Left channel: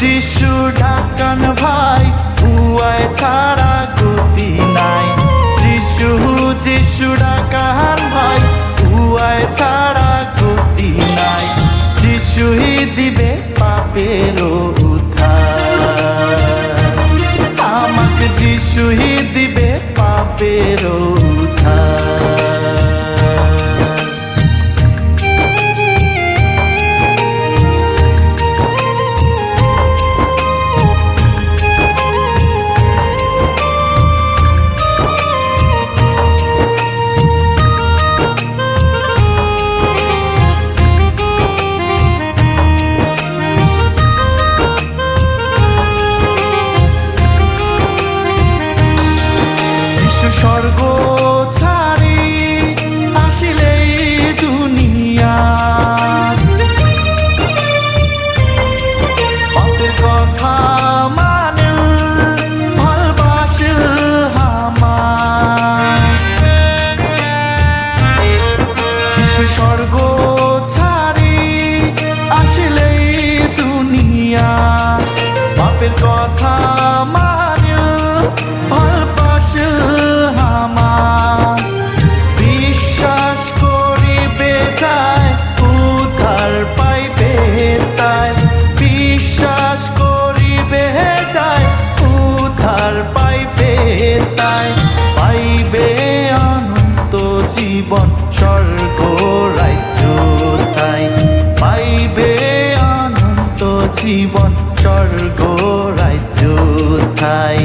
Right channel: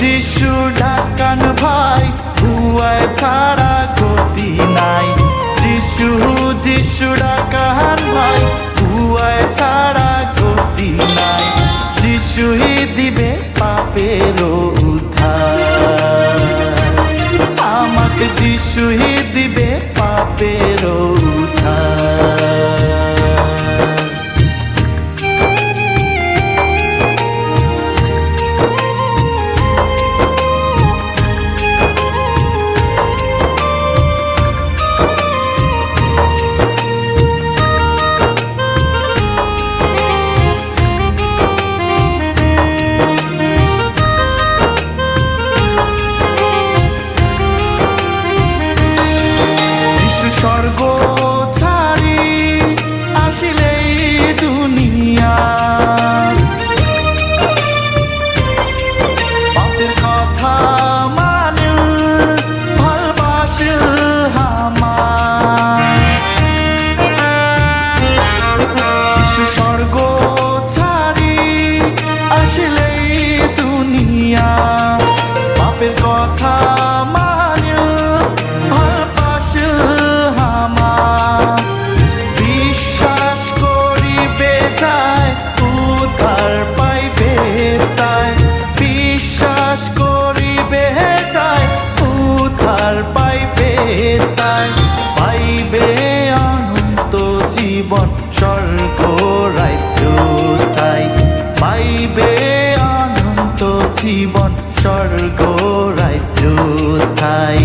যিশু ডাকান ভাই, উয়ায় ছাড়া গতি নাই। যিশু ডাকান ভাই, উয়ায় ছাড়া গতি নাই। যিশুই দিবে পাপের উদ্ধার, আমাকে যিশুই দিবে পাপের উদ্ধার। স্বর্গ ছাড়ি আসিলেই দুনিয়া, পাপের কথা মানে ভালবাসিল আমার। যিশু স্বর্গ ছাড়ি আসিলেই দুনিয়া, পাপের কথা মানে ভালবাসিল আমার। বিশ্বাস করিবে তাই উদ্ধার পাইবে তাই, বিশ্বাস করিবে যাই উদ্ধার পাইবে তাই। পাইবে অনন্ত জীবন স্বর্গ রাজ্য তাই, পাইবে অনন্ত জীবন স্বর্গ রাজ্য তাই।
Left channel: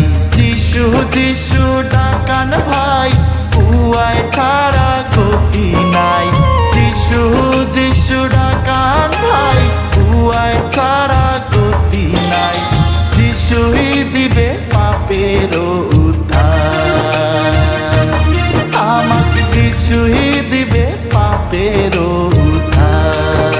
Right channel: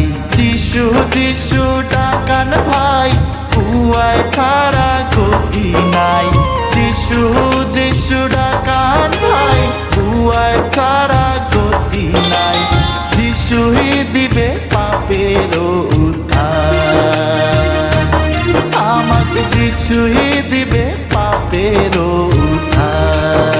যিশু ডাকান ভাই, উয়ায় ছাড়া গতি নাই। যিশু ডাকান ভাই, উয়ায় ছাড়া গতি নাই। যিশুই দিবে পাপের উদ্ধার, আমাকে যিশুই দিবে পাপের উদ্ধার।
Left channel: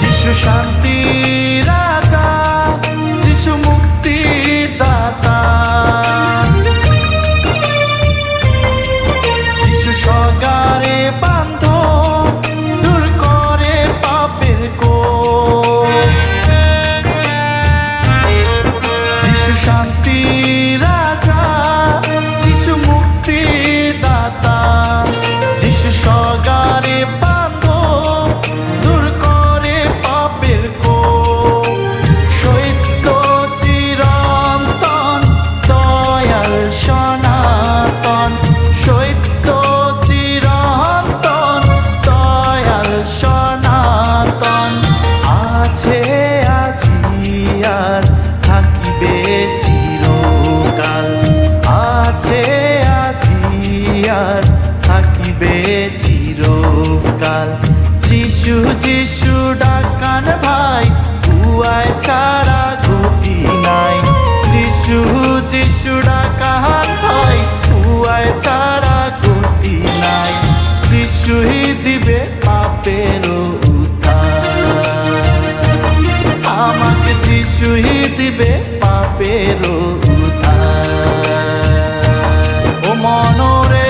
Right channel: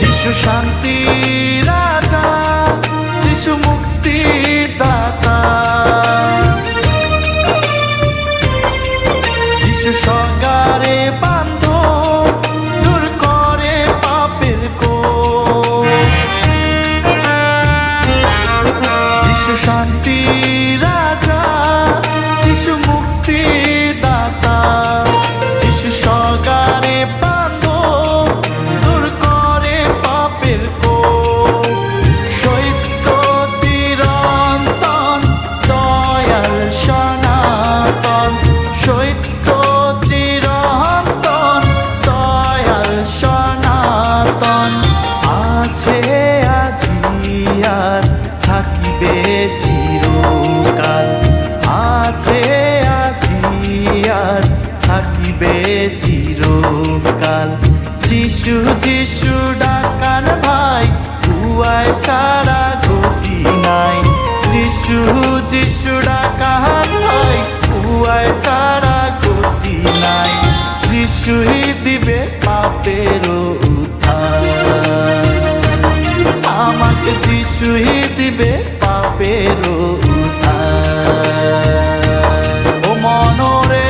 যিশু শান্তি রাজা, যিশু মুক্তি দাতা, যিশু সগারে বান্ধ দূর করে পাপের কোপ। যিশু শান্তি রাজা, যিশু মুক্তি দাতা, যিশু সগারে বান্ধ দূর করে পাপের কোপ। সত্য চিরন্তন দয়াল সনাতন, সত্য চিরন্তন দয়াল সনাতন। আছে আজি আর থাকিবে চিরকাল, আছে আজি আর থাকিবে চিরকাল। যিশু ডাকান ভাই, উয়ায় ছাড়া গতি নাই। যিশু ডাকান ভাই, উয়ায় ছাড়া গতি নাই। যিশুই দিবে পাপের উদ্ধার, আমাকে যিশুই দিবে পাপের উদ্ধার। ও মনরে